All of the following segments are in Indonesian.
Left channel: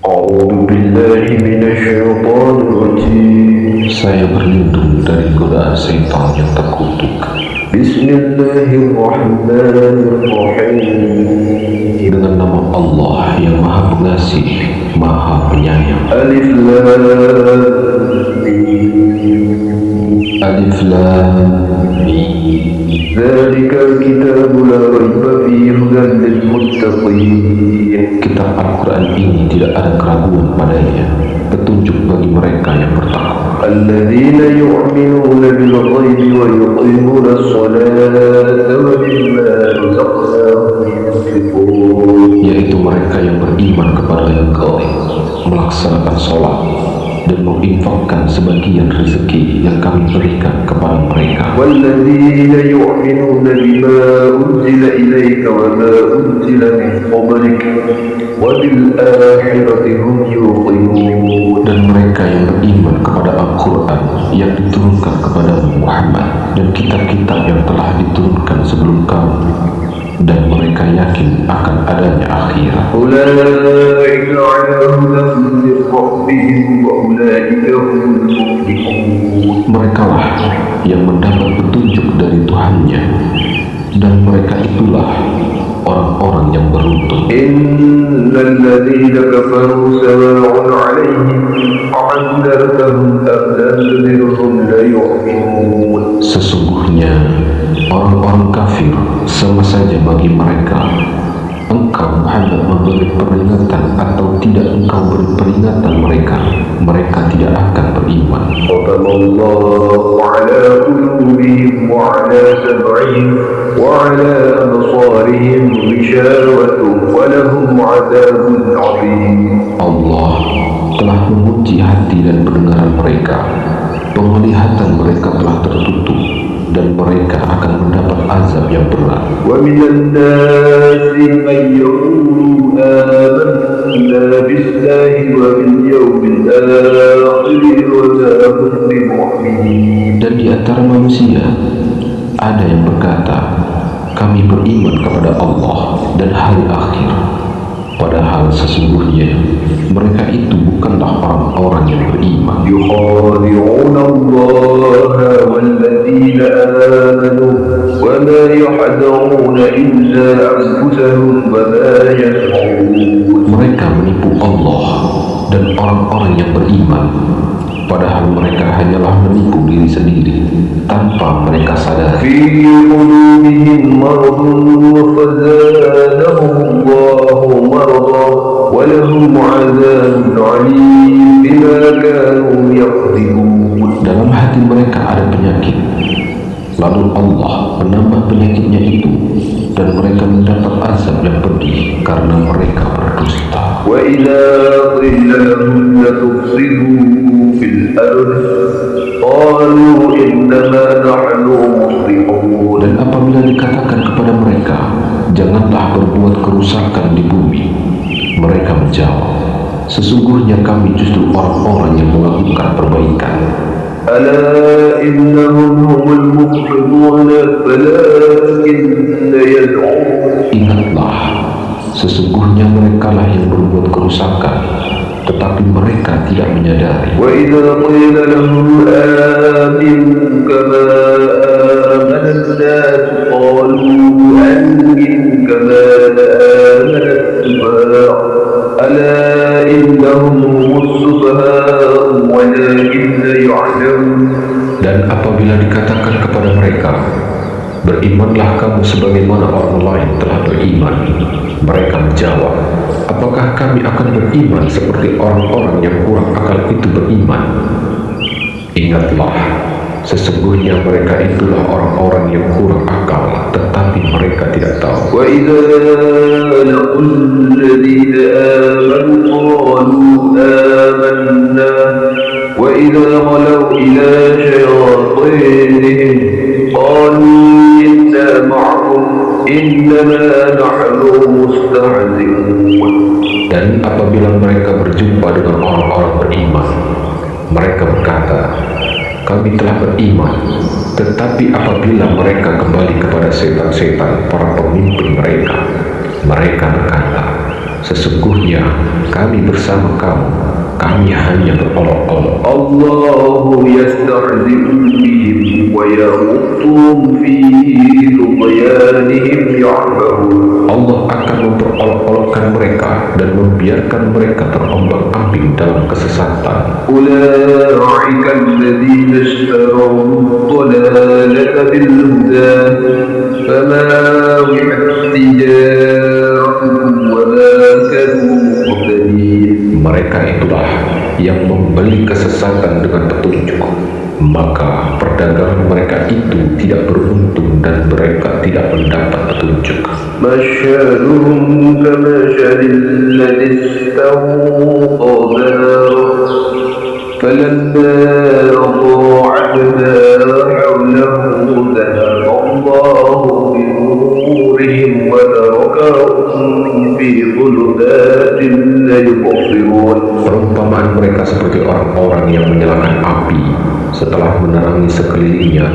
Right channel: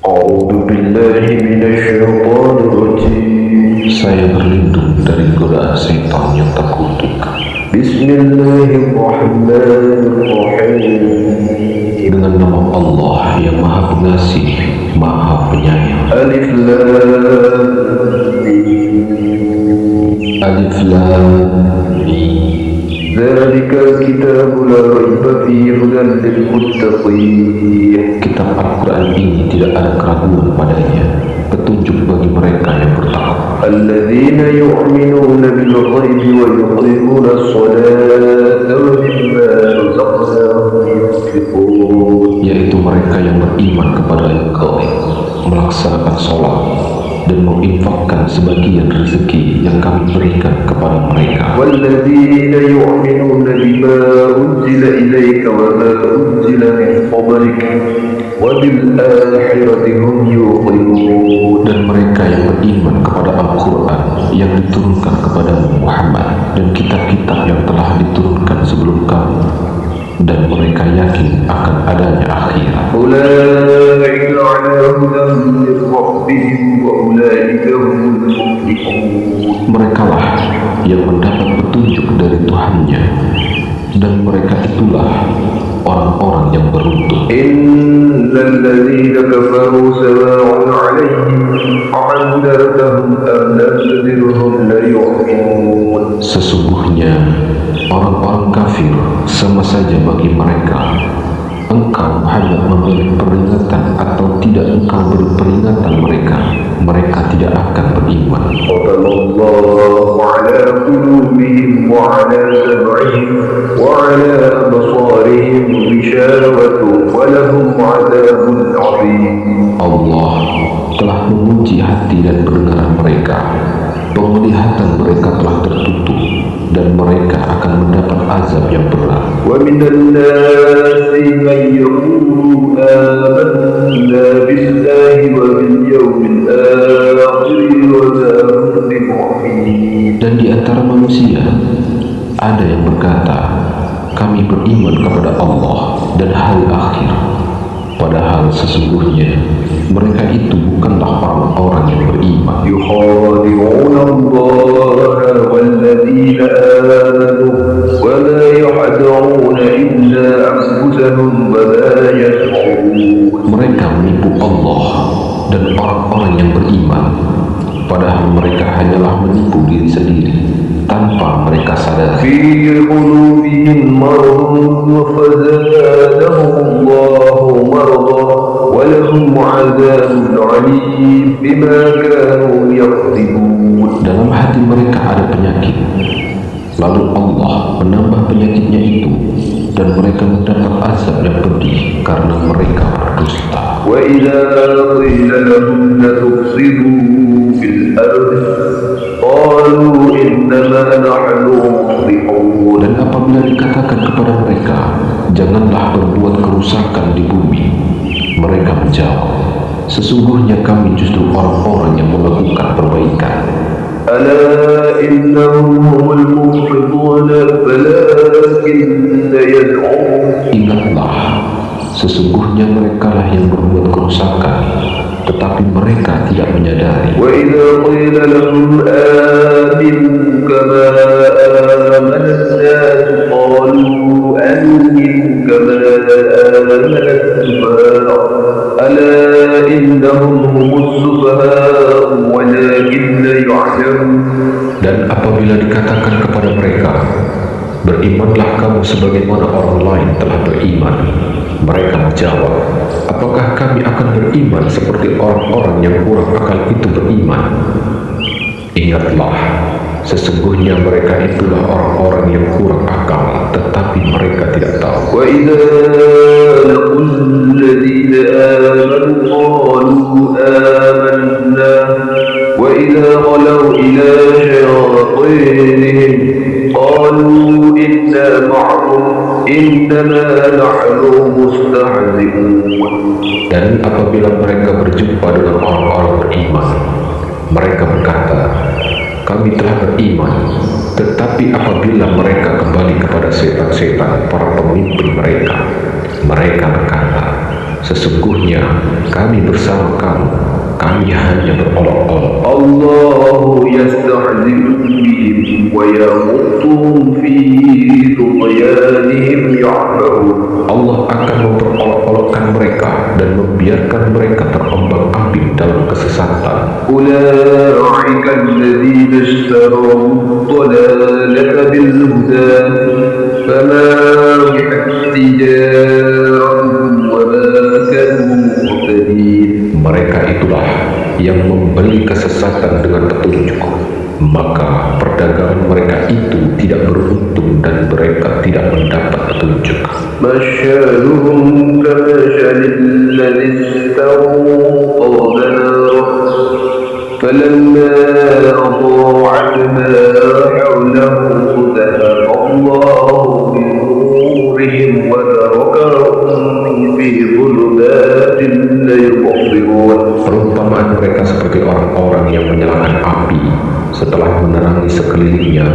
أعوذ بالله من الشيطان الرجيم. Saya berlindung dari godaan setan yang terkutuk. بسم الله الرحمن الرحيم. Dengan nama Allah yang Maha Pengasih, Maha Penyayang. ألف لام ميم. Alif Lam Mim. ذلك الكتاب لا ريب فيه هدى للمتقين. Kitab Al-Quran ini tidak ada keraguan padanya, petunjuk bagi mereka yang bertakwa. الذين يؤمنون بالغيب ويقيمون الصلاة ومما رزقناهم ينفقون. Yaitu mereka yang beriman kepada yang gaib, melaksanakan sholat, dan menginfakkan sebagian rezeki yang kami berikan kepada mereka. والذين يؤمنون بما أنزل إليك وما أنزل من قبلك وبالآخرة هم يوقنون. Dan mereka yang beriman kepada Al-Quran yang diturunkan kepadamu Muhammad dan kitab-kitab yang telah diturunkan sebelum kamu, dan mereka yakin akan adanya akhirat. أولئك على هدى من ربهم وأولئك هم المفلحون. Merekalah yang mendapat petunjuk dari Tuhannya, dan mereka itulah orang-orang yang beruntung. إن الذين كفروا سواء عليهم أعنذرتهم أم لم تنذرهم لا يؤمنون. Sesungguhnya orang-orang kafir sama saja bagi mereka, engkau Muhammad memberi peringatan atau tidak engkau beri peringatan mereka tidak akan beriman. ختم الله على قلوبهم وعلى سمعهم وعلى أبصارهم غشاوة ولهم عذاب عظيم. Allah telah mengunci hati dan pendengaran mereka, penglihatan mereka telah tertutup, dan mereka akan mendapat azab yang berat. ومن الناس من يقول آمنا بالله وباليوم الآخر وما هم بمؤمنين. Dan di antara manusia ada yang berkata, kami beriman kepada Allah dan hari akhir, padahal sesungguhnya mereka itu bukanlah orang-orang yang beriman. يخادعون الله والذين آمنوا وما يخدعون إلا أنفسهم وما يشعرون. Mereka menipu Allah dan orang-orang yang beriman, padahal mereka hanyalah menipu diri sendiri tanpa mereka sadari. في قلوبهم مرض فزادهم الله مرضا ولهم عذاب عليم بما كانوا يكذبون. Dalam hati mereka ada penyakit, lalu Allah menambah penyakitnya itu, dan mereka mendapat azab yang pedih karena mereka berdusta. وإذا قيل لهم لتفسدوا في الأرض قالوا إنما نحن مصلحون. Dan apabila dikatakan kepada mereka, janganlah berbuat kerusakan di bumi, mereka menjawab, sesungguhnya kami justru orang-orang yang melakukan perbaikan. ألا إنهم هم المفسدون ولكن يزعمون. Ingatlah, sesungguhnya merekalah yang berbuat kerusakan, tetapi mereka tidak menyadari. وإذا قيل لهم آمنوا كما آمن الناس قالوا أنؤمن كما آمن السفهاء ألا إنهم هم السفهاء ولكن لا يعلمون. Dan apabila dikatakan kepada mereka, berimanlah kamu sebagaimana orang lain telah beriman, mereka menjawab, apakah kami akan beriman seperti orang-orang yang kurang akal itu beriman? Ingatlah, sesungguhnya mereka itulah orang-orang yang kurang akal, tetapi mereka tidak tahu. وإذا لقوا الذين آمنوا قالوا آمنا وإذا خلوا إلى شياطينهم قالوا إنا معكم إنما نحن مستهزئون. Dan apabila mereka berjumpa dengan orang-orang beriman, mereka berkata, kami telah beriman. Tetapi apabila mereka kembali kepada setan-setan para pemimpin mereka, mereka berkata, Sesungguhnya kami bersama kamu, kami hanya berolok-olok. Allahu yastahzi'u bihim wa yamuttuhum fi tughyanihim ya'mahun. Allah akan memperolok-olokkan mereka dan membiarkan mereka terombang-ambing dalam kesesatan. Ulaika alladhina ishtaraw ad-dalalata bil huda fama rihat tijaratuhum wa ma kanu muhtadin. Mereka itulah yang membeli kesesatan dengan petunjuk, maka perdagangan mereka itu tidak beruntung dan mereka tidak mendapat petunjuk. Masyaluhum kamashalil ladzi istawqada narah falamma adaa'at ma hawlahu dhahaba Allahu bi nurihim wa tarakahum fi dhulumatin la yubsirun. Perumpamaan mereka seperti orang-orang yang menyalakan api. Setelah menerangi sekelilingnya,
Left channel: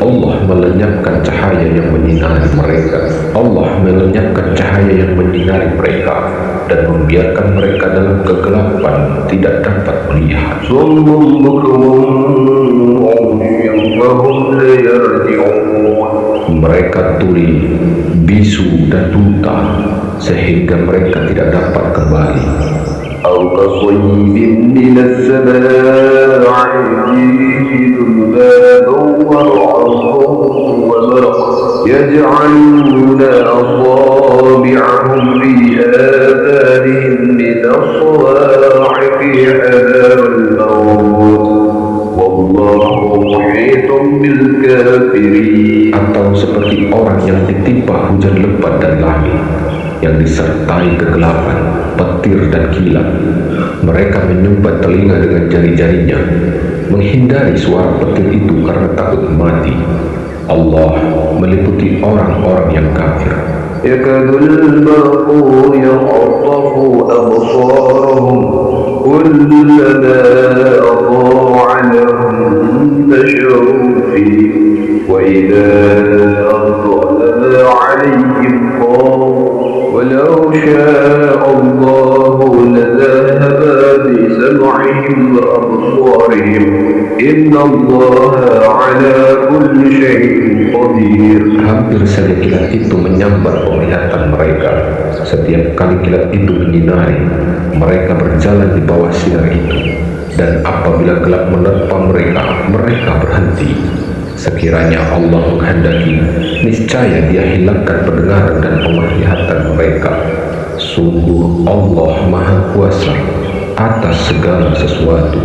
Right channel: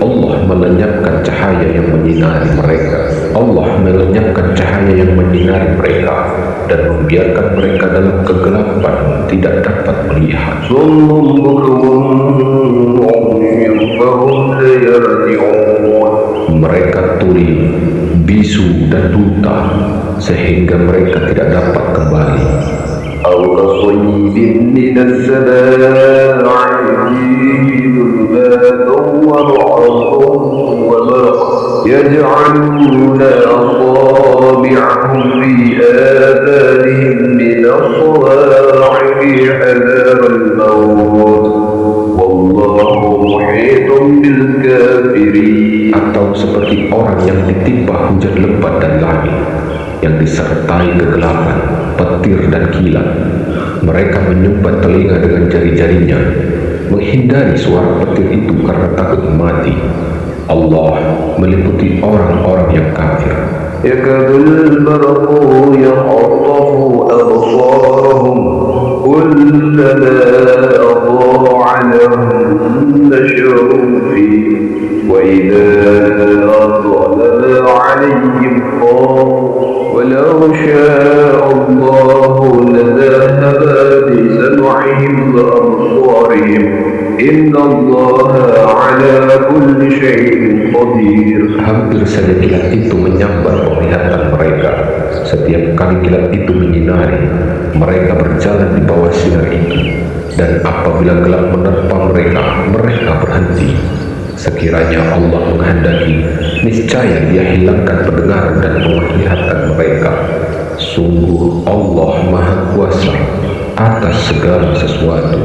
Allah melenyapkan cahaya yang menyinari mereka. Allah melenyapkan cahaya yang menyinari mereka dan membiarkan mereka dalam kegelapan, tidak dapat melihat. Summun bukmun umyun fahum la yarji'un. Mereka tuli, bisu dan buta sehingga mereka tidak dapat kembali. أو كصيب من السماء فيه ظلمات ورعد وبرق يجعلون أصابعهم في آذانهم من الصواعق حذر الموت والله محيط بالكافرين. Atau seperti orang yang ditimpa hujan lebat dari langit yang disertai kegelapan, petir dan kilat. Mereka menyumbat telinga dengan jari-jarinya, menghindari suara petir itu karena takut mati. Allah meliputi orang-orang yang kafir. Yakadul barqu yakhtafu absarahum kullama adaa'a lahum nasharu fihi wa idza adlama 'alayhim qamu ولو شاء الله لذهب بسمعهم وأبصارهم إن الله على كل شيء قدير. Hampir saja kilat itu menyambar penglihatan mereka. Setiap kali kilat itu menyinari, mereka berjalan di bawah sinar itu. Dan apabila gelap menerpa mereka, mereka berhenti. Sekiranya Allah menghendaki, niscaya Dia hilangkan pendengaran dan penglihatan mereka. Sungguh Allah Maha Kuasa atas segala sesuatu.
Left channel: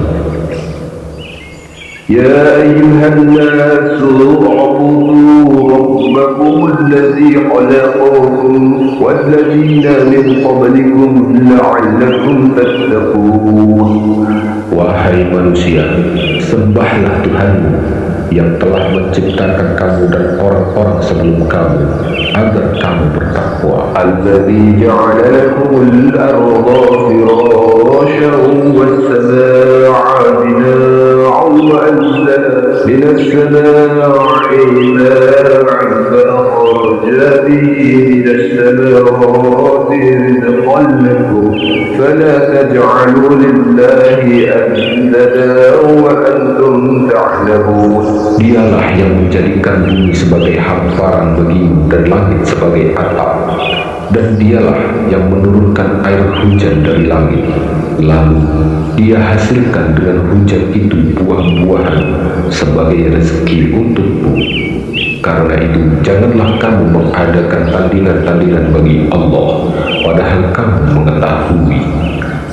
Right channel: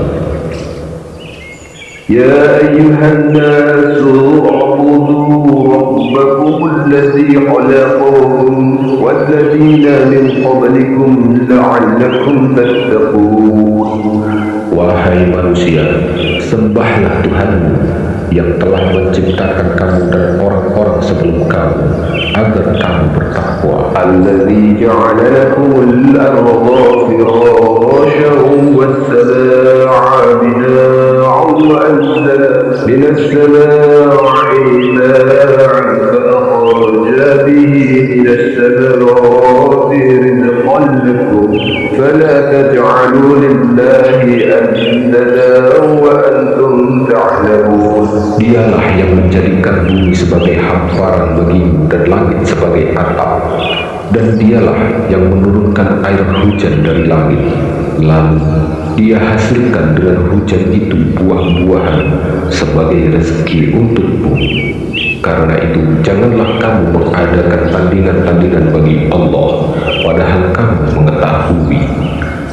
Ya ayyuhan nasu u'budu rabbakum alladhi khalaqakum walladzina min qablikum la'allakum tattaqun. Wahai manusia, sembahlah Tuhanmu yang telah menciptakan kamu dan orang-orang sebelum kamu agar kamu bertakwa. Alladzi ja'ala lakumul arda firasyan was-samaa'a binaa'an wa anzala minas samaa'i maa'an fa akhraja bihi minas samarati rizqan lakum fala taj'alu lillahi andadan wa antum ta'lamun. Dialah yang menjadikan bumi sebagai hamparan bagimu dan langit sebagai atap, dan Dialah yang menurunkan air hujan dari langit, lalu Dia hasilkan dengan hujan itu buah-buahan sebagai rezeki untukmu. Karena itu janganlah kamu mengadakan tandingan-tandingan bagi Allah padahal kamu mengetahui.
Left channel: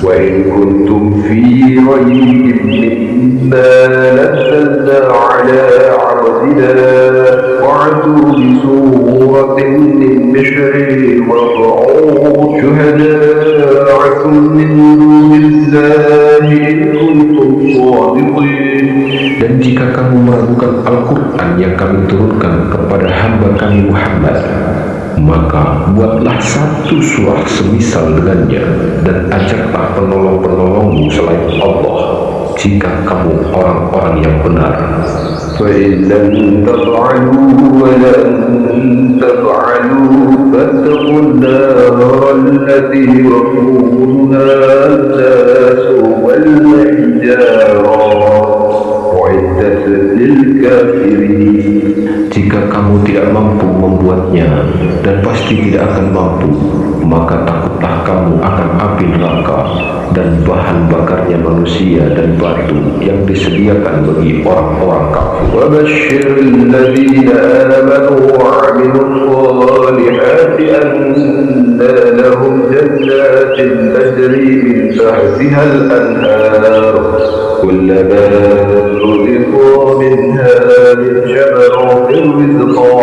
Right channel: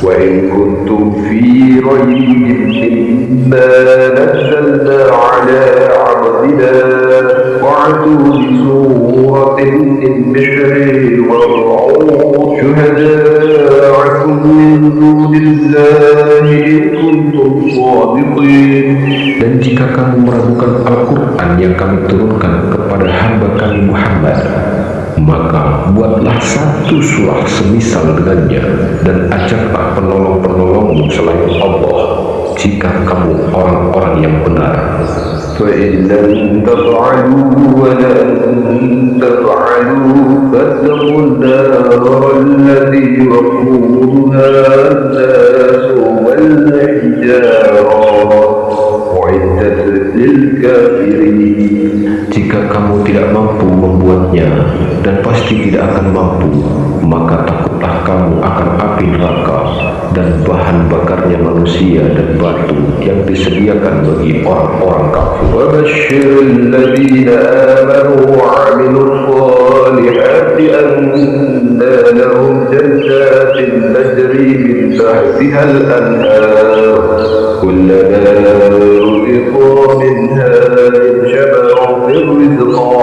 وَإِن كُنتُمْ فِي رَيْبٍ مِّمَّا نَزَّلْنَا عَلَىٰ عَبْدِنَا فَأْتُوا بِسُورَةٍ مِّن مِّثْلِهِ وَادْعُوا شُهَدَاءَكُم مِّن دُونِ اللَّهِ إِن كُنتُمْ صَادِقِينَ. Dan jika kamu meragukan Al-Quran yang kami turunkan kepada hamba kami Muhammad, maka buatlah satu surah semisal dengannya dan ajaklah penolong-penolongmu selain Allah jika kamu orang-orang yang benar. فإن لم تفعلوا ولن تفعلوا فاتقوا النار التي وقودها الناس والحجارة أعدت للكافرين. Jika kamu tidak mampu membuatnya, dan pasti tidak akan mampu, maka takutlah kamu akan api neraka dan bahan bakarnya manusia dan batu yang disediakan bagi orang-orang kafir. وبشر الذين آمنوا وعملوا الصالحات أن لهم جنات تجري من تحتها الأنهار كلما رزقوا منها من ثمرات رزقا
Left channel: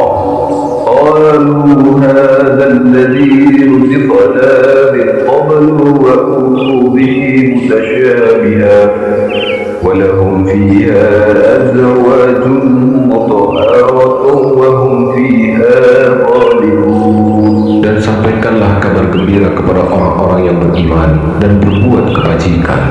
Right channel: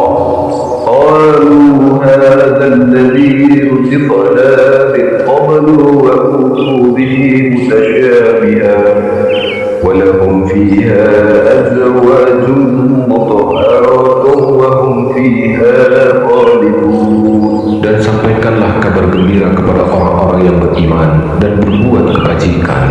قالوا هذا الذي رزقنا من قبل وأوتوا به متشابها ولهم فيها أزواج مطهرة وهم فيها خالدون. Dan sampaikanlah kabar gembira kepada orang-orang yang beriman dan berbuat kebajikan,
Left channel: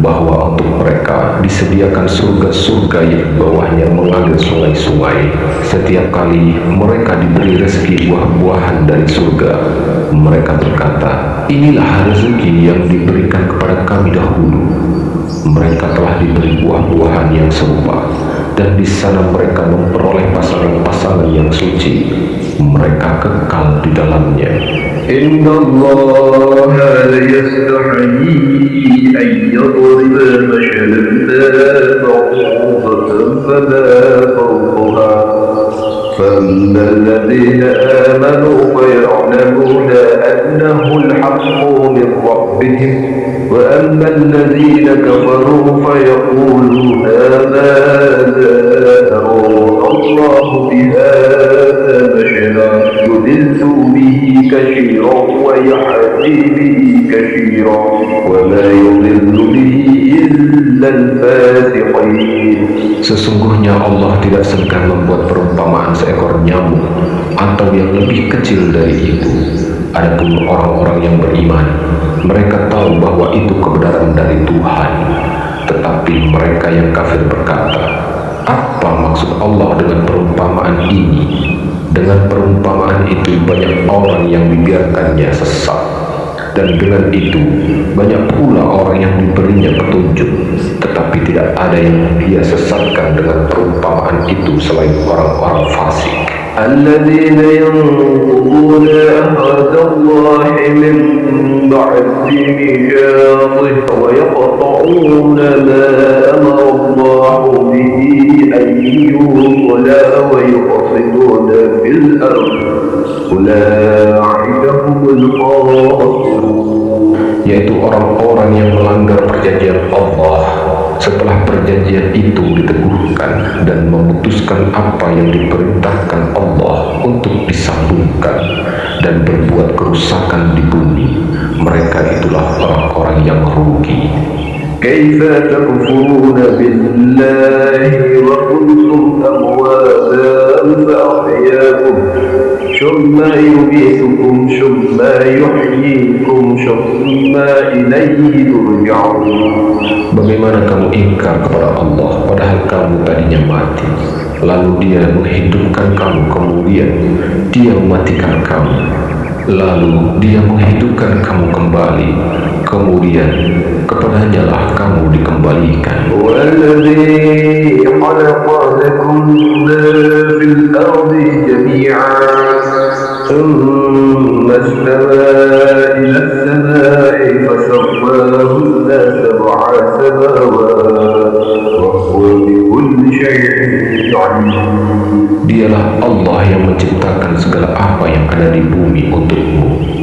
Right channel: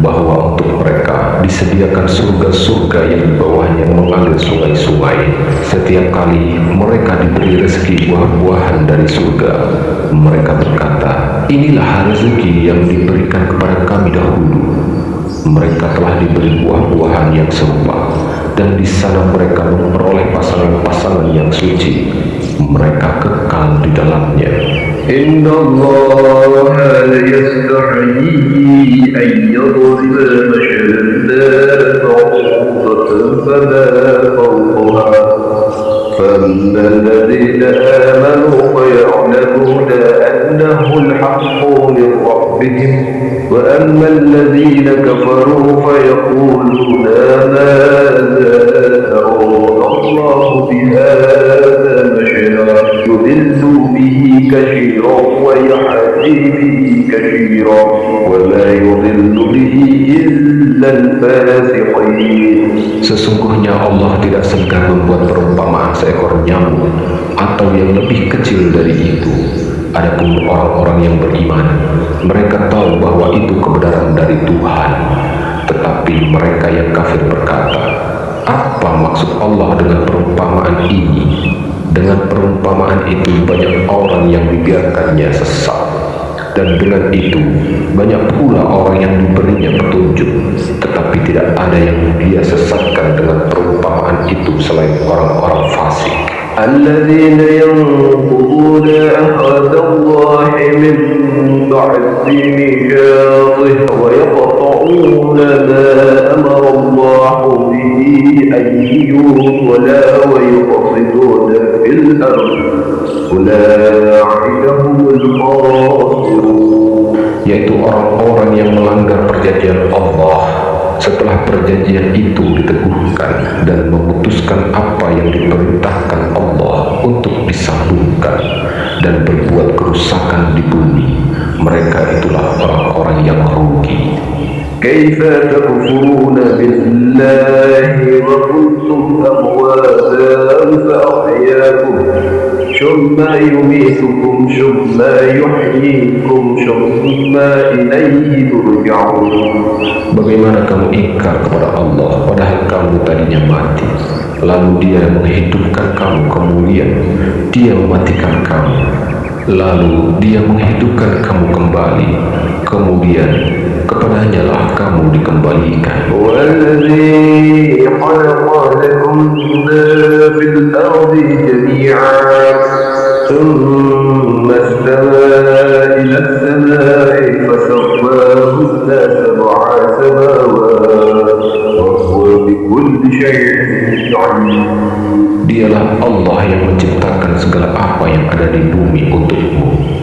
bahwa untuk mereka disediakan surga-surga yang di bawahnya mengalir sungai-sungai. Setiap kali mereka diberi rezeki buah-buahan dari surga, mereka berkata, inilah rezeki yang diberikan kepada kami dahulu. Mereka telah diberi buah-buahan yang serupa, dan di sana mereka memperoleh pasangan-pasangan yang suci. Mereka kekal di dalamnya. إن الله لا يستحيي أن يضرب مثلا بعوضة فما فوقها فأما الذين آمنوا فيعلمون أنه الحق من ربهم وأما الذين كفروا فيقولون ماذا أراد الله بهذا مثلا يضل به كثيرا ويهدي به كثيرا وما يضل به إلا الفاسقين. Sesungguhnya Allah tidak segan membuat perumpamaan seekor nyamuk atau yang lebih kecil dari itu. Adapun orang-orang yang beriman, mereka tahu bahwa itu kebenaran dari Tuhan. Tetapi mereka yang kafir berkata, apa maksud Allah dengan perumpamaan ini? Dengan perumpamaan itu banyak orang yang dibiarkannya sesat, dan dengan itu banyak pula orang yang diberinya petunjuk, tetapi tidak ada yang dia sesatkan dengan perumpamaan itu selain orang-orang fasik. الذين ينقضون عهد الله من بعد ميثاقه ويقطعون ما أمر الله به أن يوصل ويقصدون في الأرض أولئك هم الخاسرون. Yaitu orang-orang yang melanggar perjanjian Allah setelah perjanjian itu diteguhkan dan memutuskan apa yang diperintahkan Allah untuk disambungkan dan berbuat kerusakan di bumi. Mereka itulah orang-orang yang rugi. كيف تكفرون بالله وكنتم أمواتا فأحياكم ثم يميتكم ثم يحييكم ثم إليه ترجعون. Bagaimana kamu ingkar kepada Allah padahal kamu tadinya mati, lalu dia menghidupkan kamu, kemudian dia mematikan kamu, lalu dia menghidupkan kamu kembali, kemudian kepadanya lah kamu dikembalikan. والذي خلق لكم ما في الأرض جميعا ثم استوى إلى السماء فسواهن سبع سماوات وهو بكل شيء عليم. Dialah Allah yang menciptakan segala apa yang ada di bumi untukmu.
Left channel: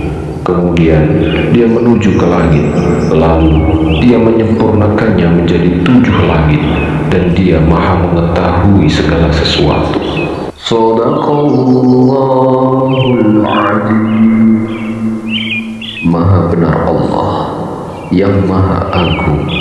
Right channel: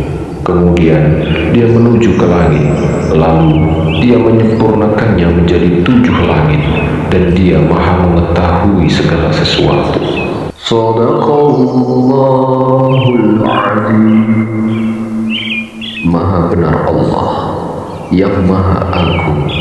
Kemudian dia menuju ke langit, lalu dia menyempurnakannya menjadi 7 langit, dan dia maha mengetahui segala sesuatu. Sadaqallahul azim. Maha benar Allah yang maha agung.